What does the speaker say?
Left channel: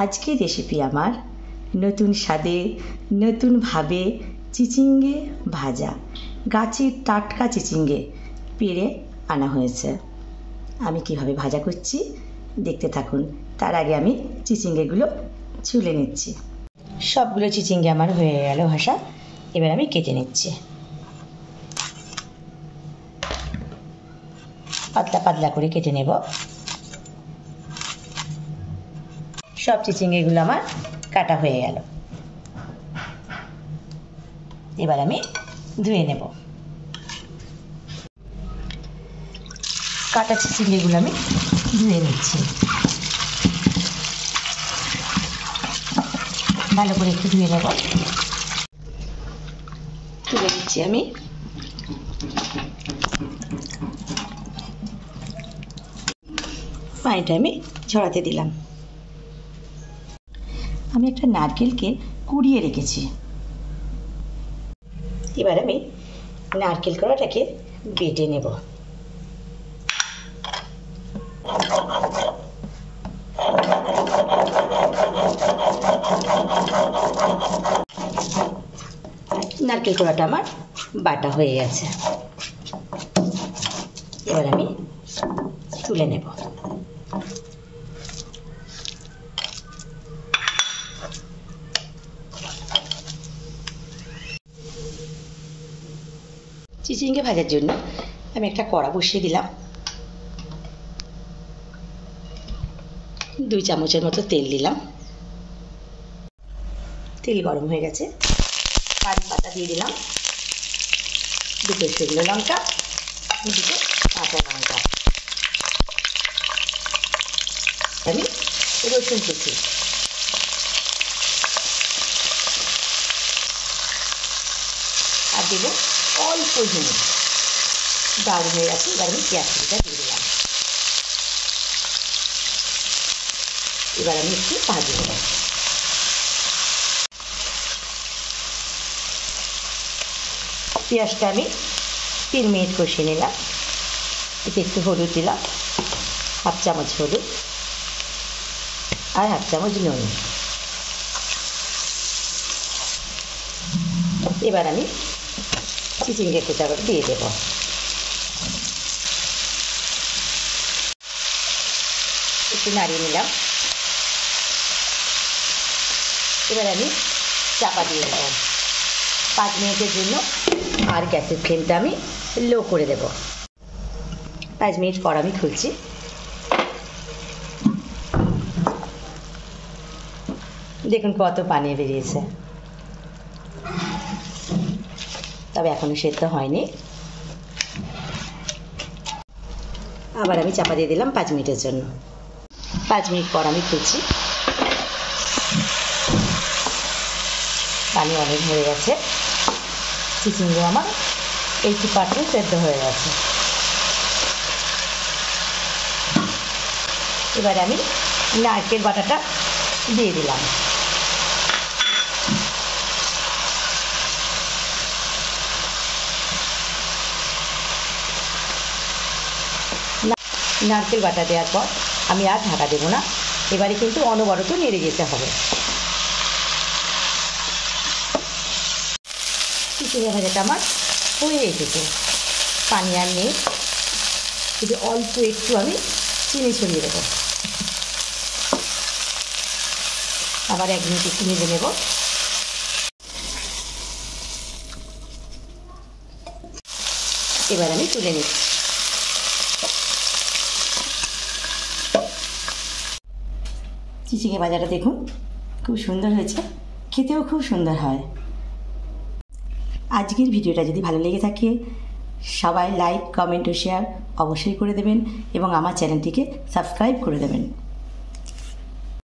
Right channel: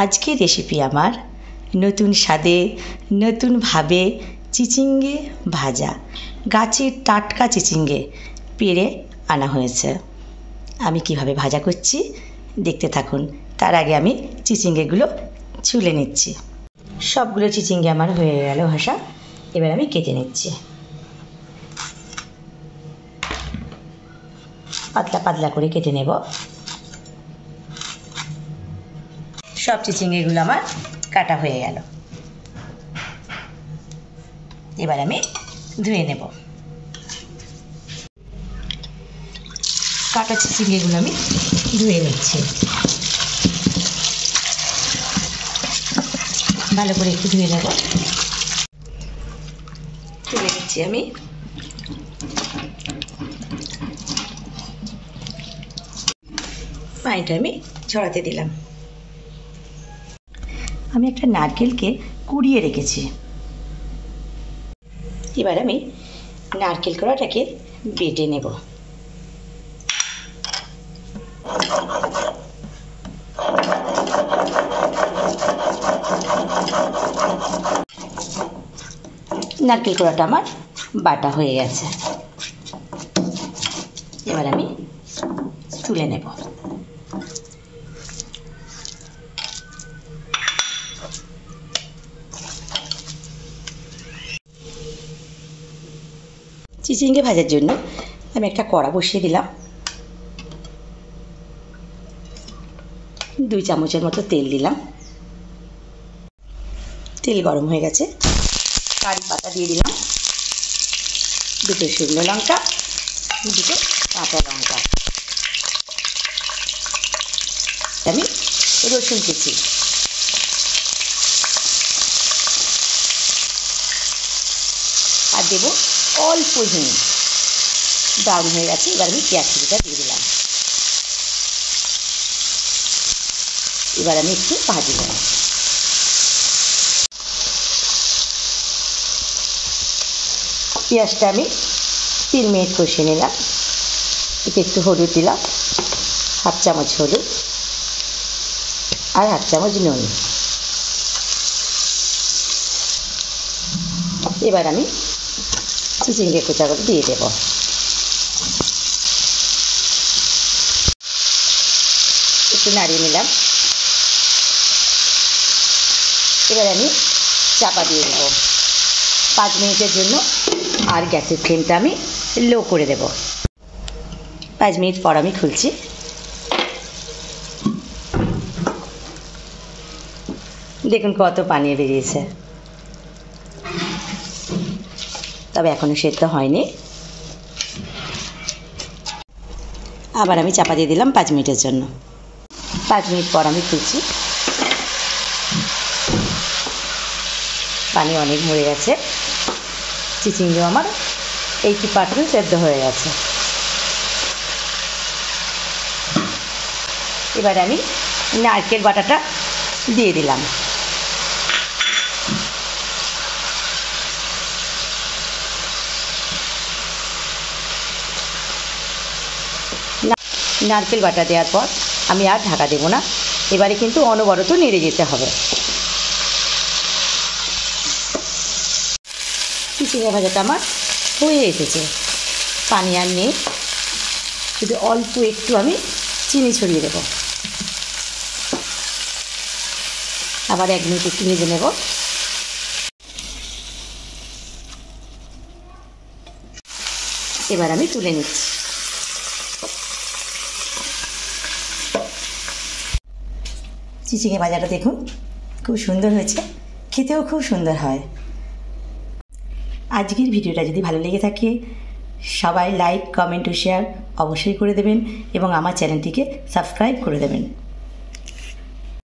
আজকের রেসিপি আমার নতুন স্বাদে নতুনভাবে চিচিঙ্গে ভাজা। গাছের টাটকা চিচিঙ্গে পেড়ে আনা হয়েছে। আমি কিভাবে ভাজা করছি দেখতে থাকুন। তার আগে আমি চিচিঙ্গেগুলো ছুলে নিচ্ছি। সবগুলো চিচিঙ্গে আমার হয়ে গেল ভাজা। এবার আমি কেটে নিচ্ছি। পাতলা পাতলা করে কেটে নেব। সব চিচিঙ্গেগুলো আমার কাটা হয়ে গেল। এবার আমি ধুয়ে নেব। কাটা চিচিঙ্গেগুলো আমি ধুয়ে নিচ্ছি। ভালো করে একটু ধুয়ে নেব। তুলে নিচ্ছি আমি। পানিটা আমি ঝরাতে দিলাম। আমি একটা নারকেলকে কুড়িয়ে রেখেছি। এবার আমি নারকেল কোড়াটাকে বেটে নেব। নারকেল কোড়াটা আমার বাটা হয়ে গেছে। এবার আমি তুলে নেব। চিচিঙ্গে ভাজার জন্য আমি একটা কড়া বসিয়ে দিলাম। 2 চামচের মতো তেল দিলাম। তেল গরম হয়ে গেছে। কারি পাতা দিয়ে দিলাম, 2 শুকনো লঙ্কা, 2 কাঁচা লঙ্কা। আমি রসুন কুচি, আর দেবো অল্প হিং। দারুণ হয়ে গেছে। এবার আমি পেঁয়াজ কুচিটা দিয়ে দিলাম। এবার আমি একটু ভাজি নেব। পেঁয়াজটা আমি 3 মিনিট কষিয়ে নিলাম। এতে একটু হলুদ দিলাম, 1/2 চামচ হলুদ আর 1/2 চামচ নুন। এবার আমি চিচিঙ্গে কুচাগুলো দিয়ে দেব। একটু নাড়িয়ে নিলাম। এবার আমি চাপা দিয়ে দেব 5 মিনিটের জন্য। আর গ্যাসের ফ্লেমটা আমি লো করে দেব। 5 মিনিট পর আমি খুলছি। দেখুন কত পানি বেরিয়েছে, তবে এখনো সেদ্ধ হয়নি। আবার আমি চাপা দিয়ে দিলাম 5 মিনিটের জন্য। 5 মিনিট পর আমি খুলছি। পানি অনেক মরে গেছে। চিচিঙ্গে আমার 80% সেদ্ধ হয়ে গেছে। এবার আমি নারকেল বাটাটা দিয়ে দিলাম। নারকেল বাটা দেওয়ার পর আমি আর ঢাকা দেবো না। এবারে কিন্তু অনবরত নেড়ে যেতে হবে। চিচিঙ্গে ভাজাটা আমার হয়ে এসেছে। পানি আর নেই, শুধু অল্প একটু আমি চিনি ছড়িয়ে দেবো। আবার 1 মিনিট একটু ভেজে নেব। এবার আমি তুলে নিচ্ছি। চিচিঙ্গে ভাজাটা দেখুন খুব সুন্দর হয়েছে, খেতেও খুব সুন্দর হয়। আজকের ভিডিওটা যদি ভালো লেগে থাকে সবাই লাইক, কমেন্ট ও শেয়ার অবশ্যই করে দেবেন এবং আমার চ্যানেলটিকে সাবস্ক্রাইব করে দেবেন।